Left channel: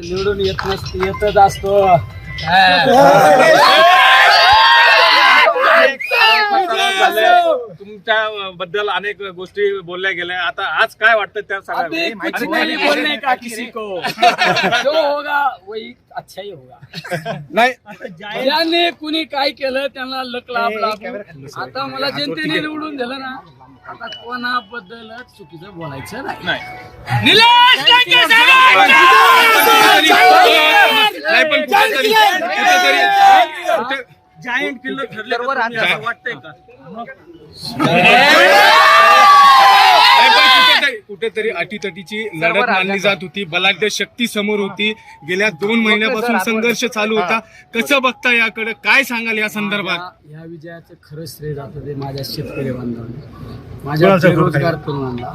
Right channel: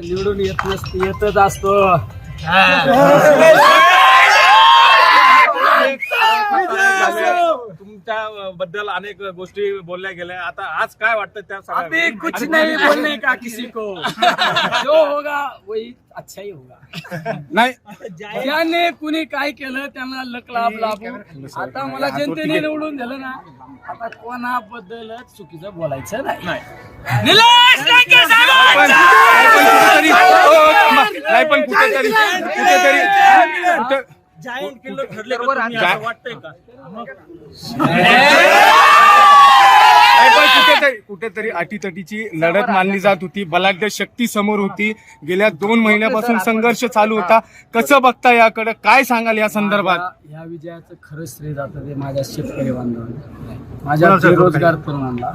निवडून येत नसत येतच असतो. तुमच्या बद्दल अनेक गोष्टी बोलल्या गेल्या. आता आज काय वाटतं त्या अभी सगळ्या कुछ नहीं बोलने का किसी को? जो होगा वही अच्छा ही होगा. नाही. ज्याने कुणी काय केलं त्यांना लक लाभ लाभू. आता मला जनतेने निवडून दिलं ना आता कोणाबद्दल चुकीचं बोलायचं नाही. निलेश लंके साहेब! नाही पण कुठेतरी कुठेतरी कुठे- जायंट किल्लर ठरले का तुम्ही? असं वाटतंय का? नाही पण कुठेतरी कुठेतरी अटीतटीची लढत मानली जात होती. बलाढ्य शक्ती समोर होती. गेल्या दोन महिन्यापासून संघर्ष चालू होता. कसं बघता याकडे? काय सांगाल या संदर्भात? या विजयाचं खरं श्रेय जातं ते माझ्या शेतकरी बांधवांना. माझ्या बेरोजगार तरुणांना.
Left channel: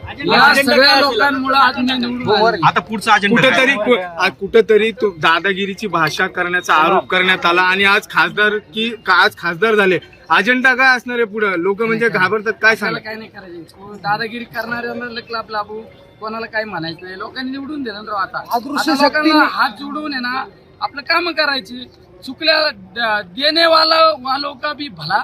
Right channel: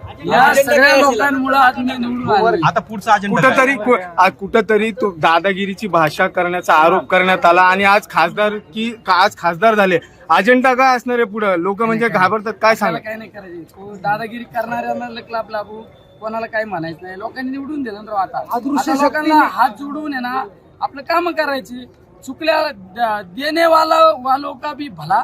या सगळ्या लोकांमुळे आज मी निवडून आलो. आता पुढचा अजेंडा कुठेतरी कुठेतरी तो दादागिरीची भाषा करण्याचा आरोप करण्यात आला आणि आज खासदार की का- आज खासदार झाले. अजेंडा काय असणार आहे पुढे? लोक म्हणजे घाबरतात काय कोणाला सांगा काय नाही करायचे? दादागिरी करणाऱ्यांना लकलाप लाभू कोणाला काही म्हणायचं नाही. लोकांनी निवडून दिलं ना राव आता. आता लोकांना हात जोडून आहे ना आपलं काम करायची. चुकल्या द- देणे वाला वालो का भी भला.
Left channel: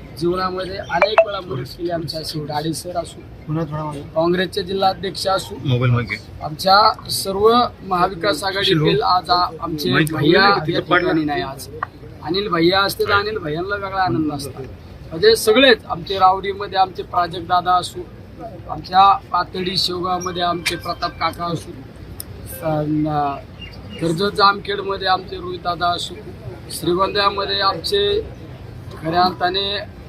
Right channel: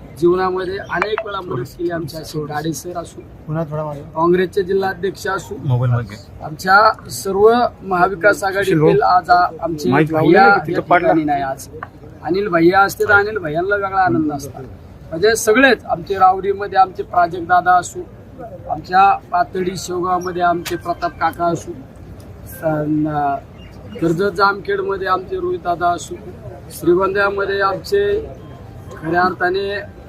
जीवनामध्ये अनेक वेळा मदत केली आमच्या असे गाडे सर असू काँग्रेसचे जिल्हाध्यक्ष असू आमच्या सर्व महाविकास आघाडीतील आज आमचे भैया या. ठिकाणी नाही आज. अनिल भैया असते तर अनिल भैयांना वेगळा आनंद असतात. म्हणजे सगळेच आमचे रावडीमध्ये आमचे प्राजक्त दादा असू आमच्या पातळी शेवगावमध्ये आमचे प्रताप काका असू कर्जत जामखेडमध्ये आमचे रोहित दादा असू श्रीगोंद्यामध्ये आमचे खऱ्या अर्थाने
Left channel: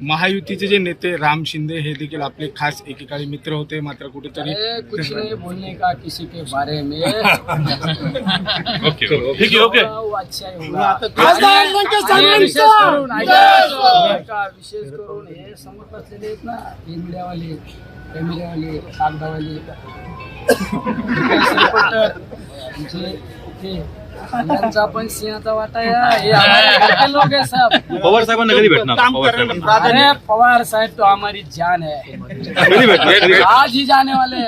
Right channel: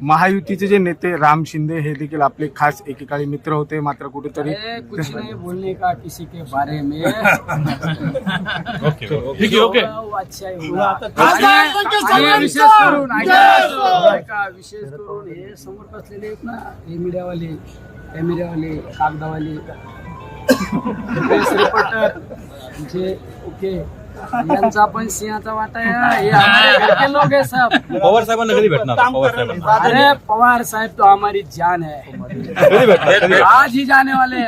महायुतीचे जे नेते राम शिंदे हे देखील आपले खास एकेकाळी मित्र होते मात्र कुठेतरी अरे कुछ नहीं बोलने का किसी के बारे में। ठीक आहे ओके अच्छा ही. आणि- विशेष करून ऐका ऐका, विशेष करून हे समोर बसलेले आहेत ना हे मीडियावाले हे मीडियावाले कागदावाले. श्रीपट जे ओके. यांचा पण सिंहाचा वाटा आहे हे हमारे घर के लोग है सब पवार साहेबांना कधी भेटणार? पवार साहेबांना. अरे पवार साहब तो हमारी जान है कधी भेटणार? कधी आज ही जाने वाले हैं